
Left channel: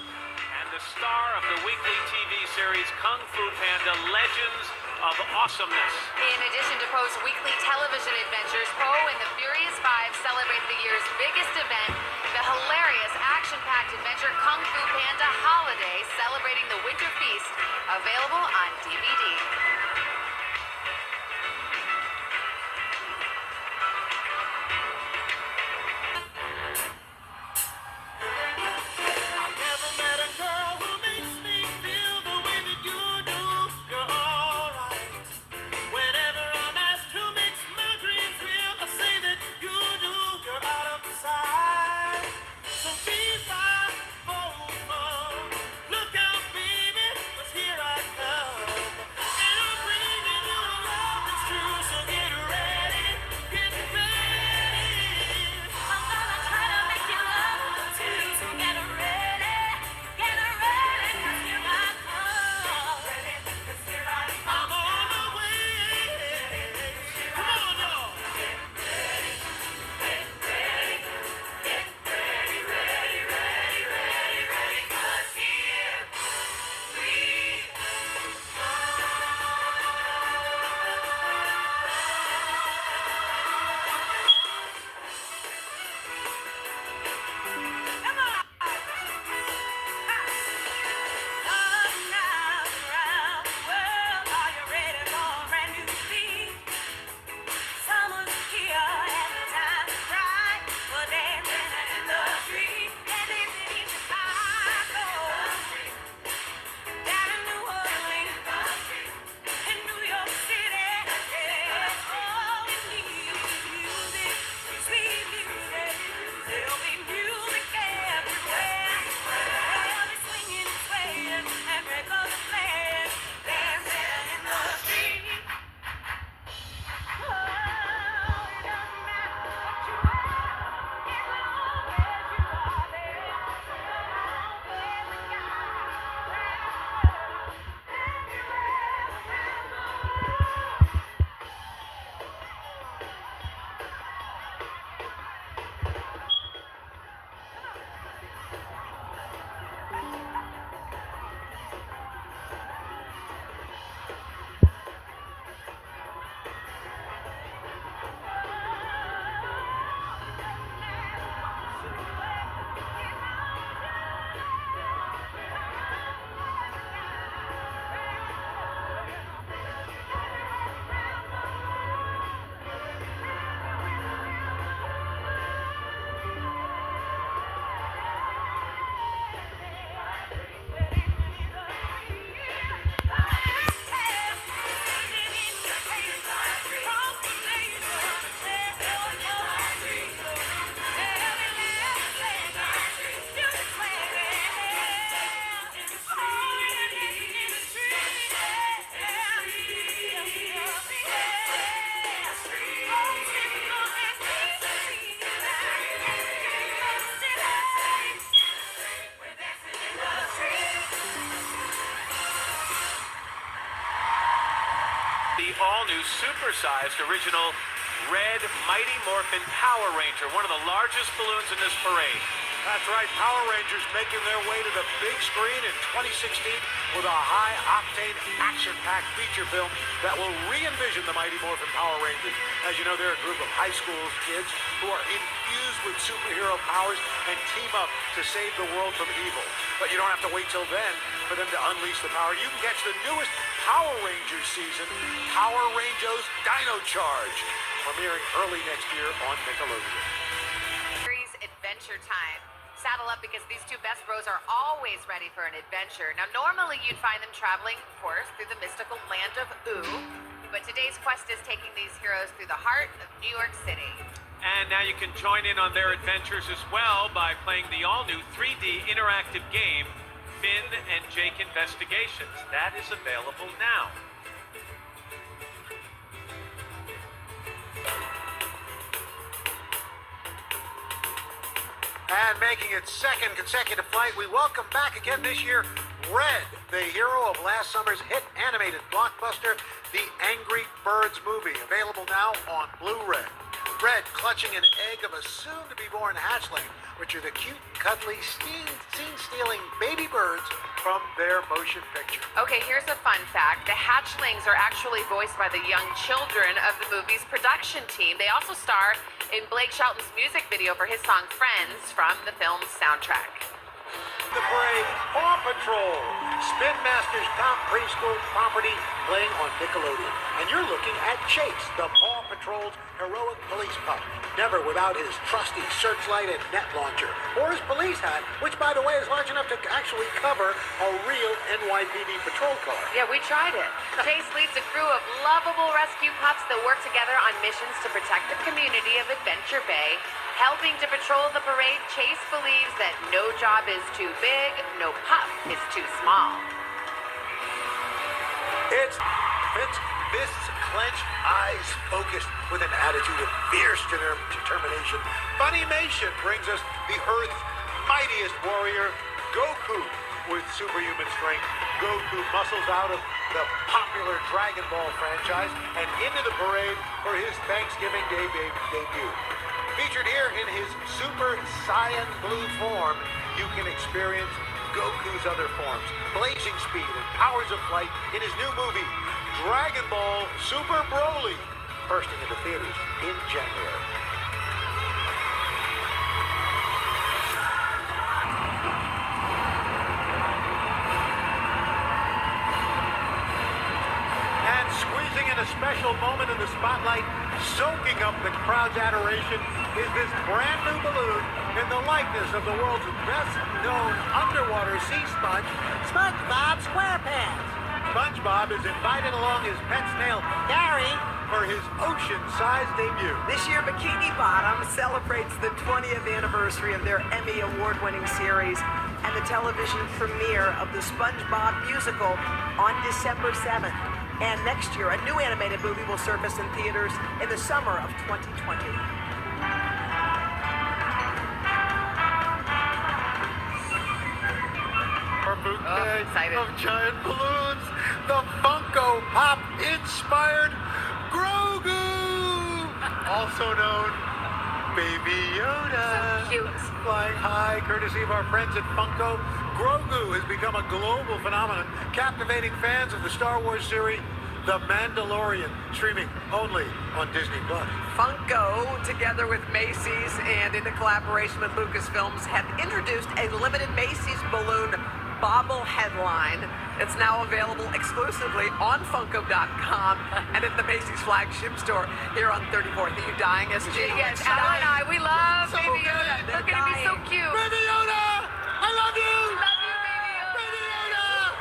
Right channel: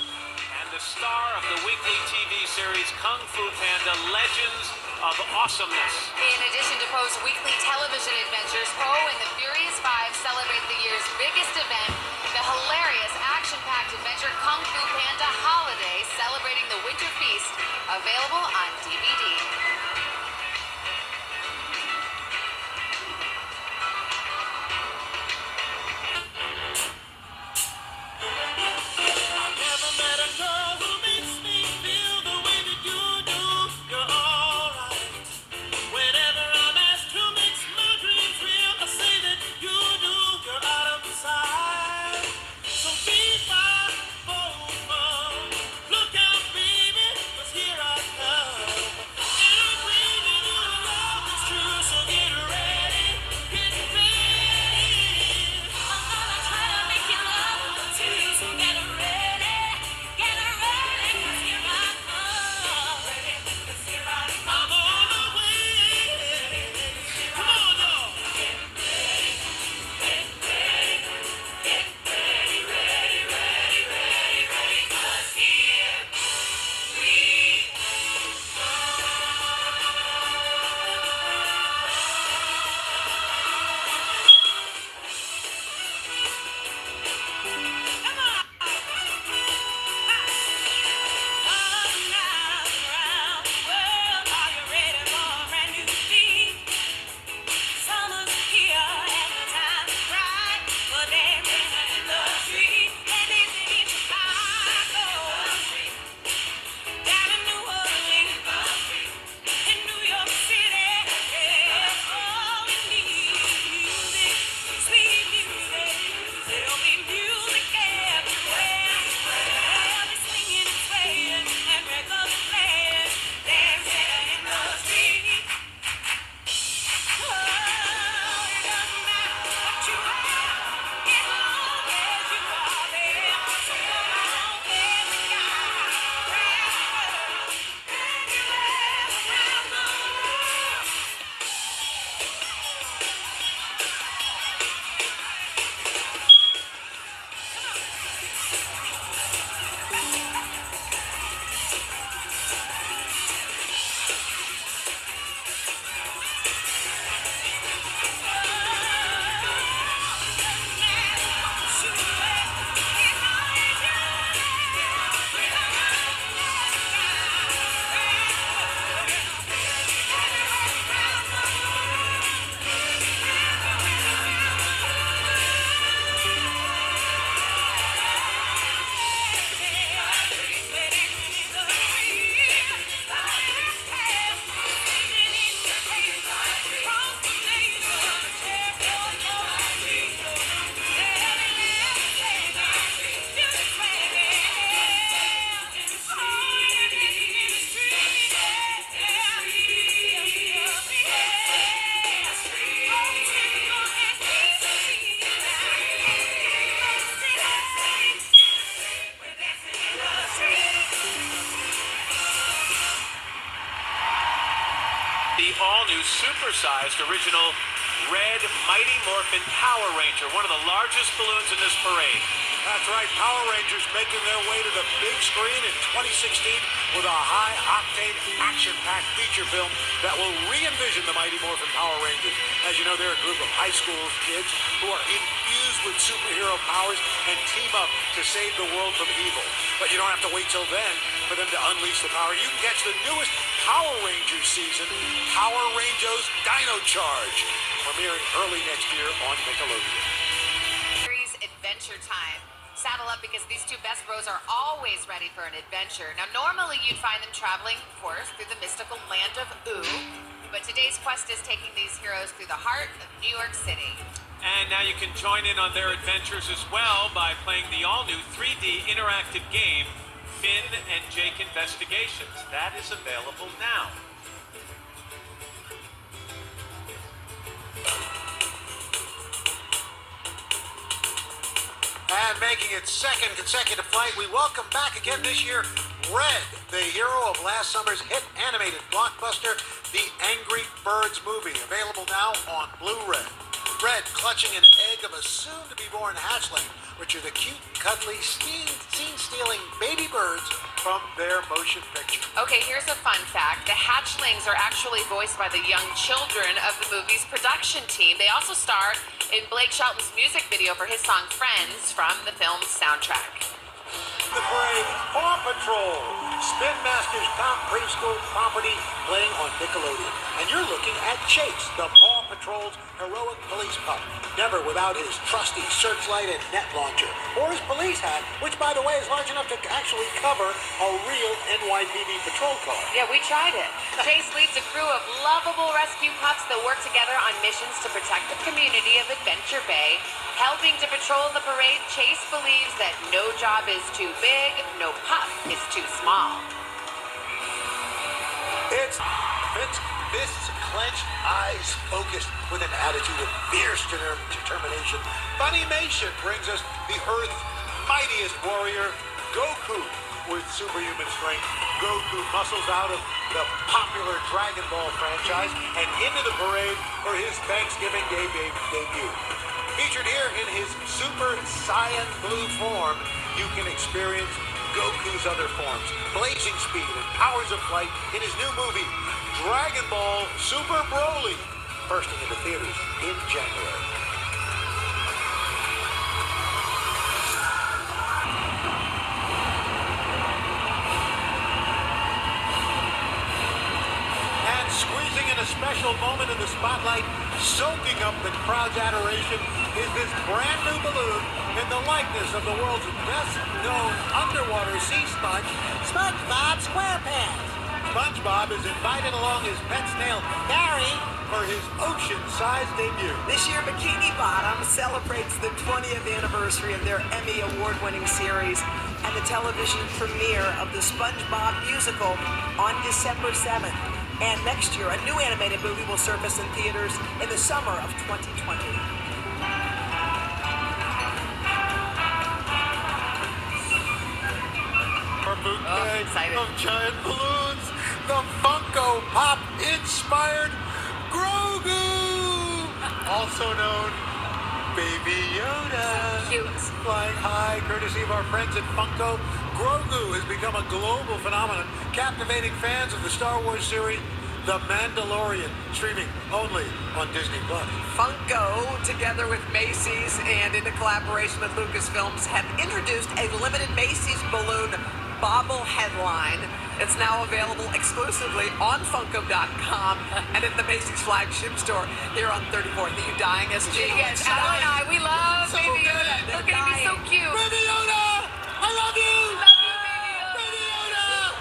the star of the weekly TV series Kung Fu Panda Legends of Awesomeness. In addition to Poe's weekly television adventures, Poe and the Furious Five celebrate the year's biggest event, the hilarious action-packed adventure Kung Fu Panda Holiday, celebrating the Winter Feast, available on DVD. The all-new supersized original Red Mighty Morphin Power Ranger, one of the largest balloons in this parade. That's right, Power Rangers making their way to the big screen in 2016 with a high-octane, action-packed feature film that will re-envision the Mighty Morphin Power Rangers. As you know, they're a group of high school kids who are infused with superhero powers and team up to save the world from evil. But you don't have to wait till then for them to unleash the power. You can catch the newest Power Rangers season, Power Rangers Dino Charge, premiering early next year on Nickelodeon. Series Adventure Time. Saddle up because these two best bros are always ready for an adventure. Now, normally you'd find them traveling, of course, through the mystical land of Ooh. But today's quest is taking these heroes through the heart of New York City. And now you can join in on their adventures as well by playing the all-new 3D interactive game, Finn and Jake Investigations. That is available now. And making its second consecutive flight, we welcome back again this year Red, the hero of last summer's hit animated blockbuster, The Angry Birds Movie, available now on Blu-ray. Red clutching an egg of a soon-to-be-born hatchling, which are the cute, cuddly, scene-stealing baby birds from their motion picture. Okay, here's a fun fact. The hatchlings are actually voiced by the young children of the movie's production team. They also star in Blake Shelton's music video for his song Friends from the film's soundtrack. The parade, Paw Patrol, Spin Master's top preschool property playing on Nickelodeon. And you're looking at Chase, the Paw Patrol's heroic police pup. Never without his trusty searchlight and net launcher, or his police hat, which, by the way, is large enough to actually cover a real NYPD patrol car. Yeah, we tried it. Chase leads a crew of lovable rescue pups that work together on missions to protect the community of Adventure Bay. Helping to patrol the parade, Chase believes that no job is too big, no pup is too small. It's fists clenched, eyes focused with an attitude of fierce determination. Funimation brings us the Earth's mightiest warrior, Goku, with superhuman strength. Goku muscles out of the popular Dragon Ball franchise and into the parade for his Thanksgiving Day debut. Featured here in his Super Saiyan Blue form, you can experience Goku's other forms, blazing speed and powers of flight in his new movie, Dragon Ball Super Broly, bursting into theaters in January. And squeezing in a special moment in the spotlight, soaking up the crowd's adoration, is this brand new balloon in the likeness of the world's best-known underwater sea sponge, SpongeBob SquarePants. SpongeBob is invited along his pet snail, Gary, for his ocean-sized debut. This year, Bikini Bottom celebrates the 20th anniversary of their Emmy Award-winning series and the television premiere of the SpongeBob musical on December 7th. And next year, a new animated movie will surface in theaters in the summer of 2020. Our bouquet of giant balloons, the Funko Pop inspired Grogu, also known Baby Yoda. So cute. Flying high, courtesy of our friends at Funko, Grogu has become a global phenomenon, captivating fans of the Star Wars series The Mandalorian, streaming only on Disney+. Funko, together with Macy's and in a collaboration with Lucasfilms, have introduced a limited Macy's balloon bobblehead line. It's now available exclusively on Funko.com and at the Macy's flagship store here on 34th. Are you dying, SG? Yes, Ella and I, we love So Baby good. Yoda. They're Look at him, he's so dying. cute. Baby Yoda! I love you! Love you, Baby Yoda. Baby Yoda!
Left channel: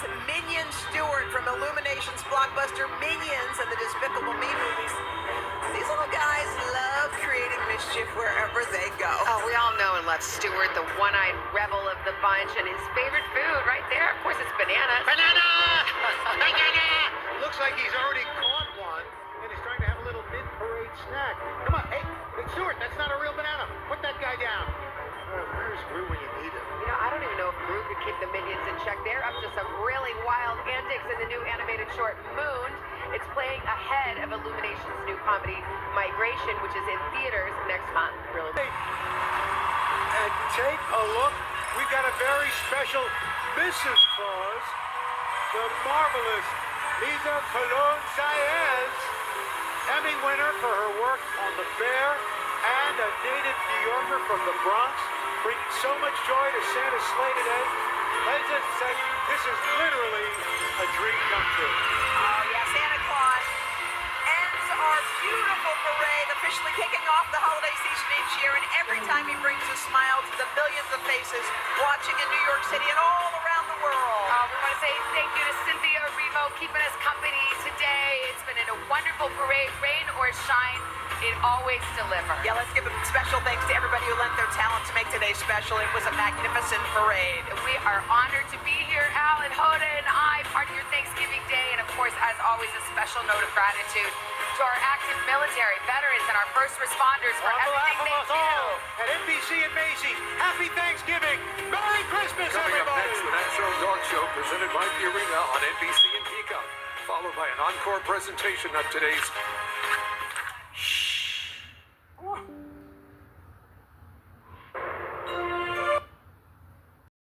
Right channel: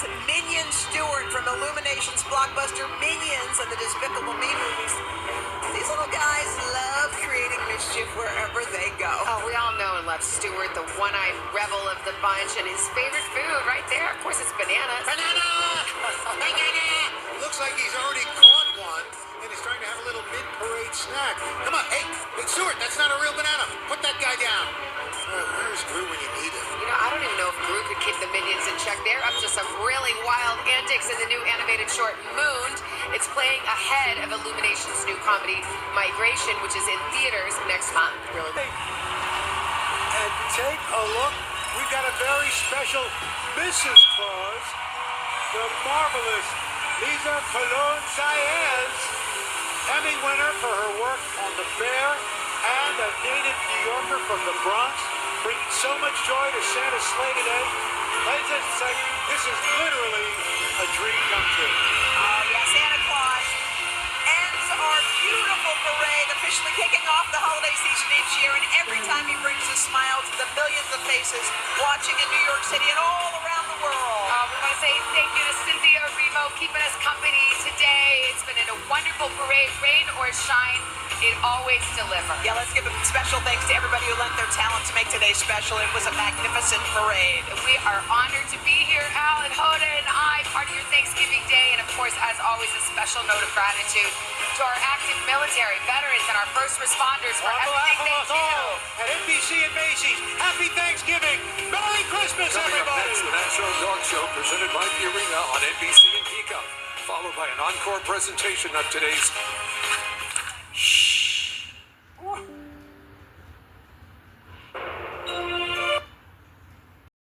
It's Minion Stewart from Illumination's blockbuster Minions and the Despicable Me movies. These little guys love creating mischief wherever they go. Oh, we all know and love Stewart, the one-eyed rebel of the bunch, and his favorite food right there, of course, it's bananas. Banana! Banana! Looks like he's already caught one, and he's trying to have a little mid-parade snack. Come on, hey, Stewart, that's not a real banana. Put that guy down. Where's Gru when you need him? You know, I don't even know if Gru could keep the minions in check. They're up to some really wild antics in the new animated short Mooned. It's playing ahead of Illumination's new comedy Migration, which is in theaters next month. Really? And take a look. We've got a very special Mrs. Claus, the marvelous Lisa Cologne Saez, Emmy winner for her work on The Bear, and a native New Yorker from the Bronx, bringing so much joy to Santa's sleigh today. Ladies and gentlemen, this is literally a dream come true. Oh, yeah, Santa Claus ends our beautiful parade, officially kicking off the holiday season each year, and every time he brings a smile to the millions of faces watching in New York City and all around the world. We want to say thank you to Cynthia Erivo keeping us company today. It's been a wonderful parade, rain or shine. It always delivers. Yeah, let's give a special thanks to everybody who lent their talent to make today special. It was a magnificent parade. We are honored to be here, Alan, Hoda, and I, part of your Thanksgiving Day. And of course, as always, a special note of gratitude to our active military, veterans, and our first responders for everything they do. At NBC and Macy's, happy Thanksgiving! Merry Christmas, Coming everybody! up next, the National Dog Show presented by Purina on NBC and Peacock, followed by an encore presentation of today's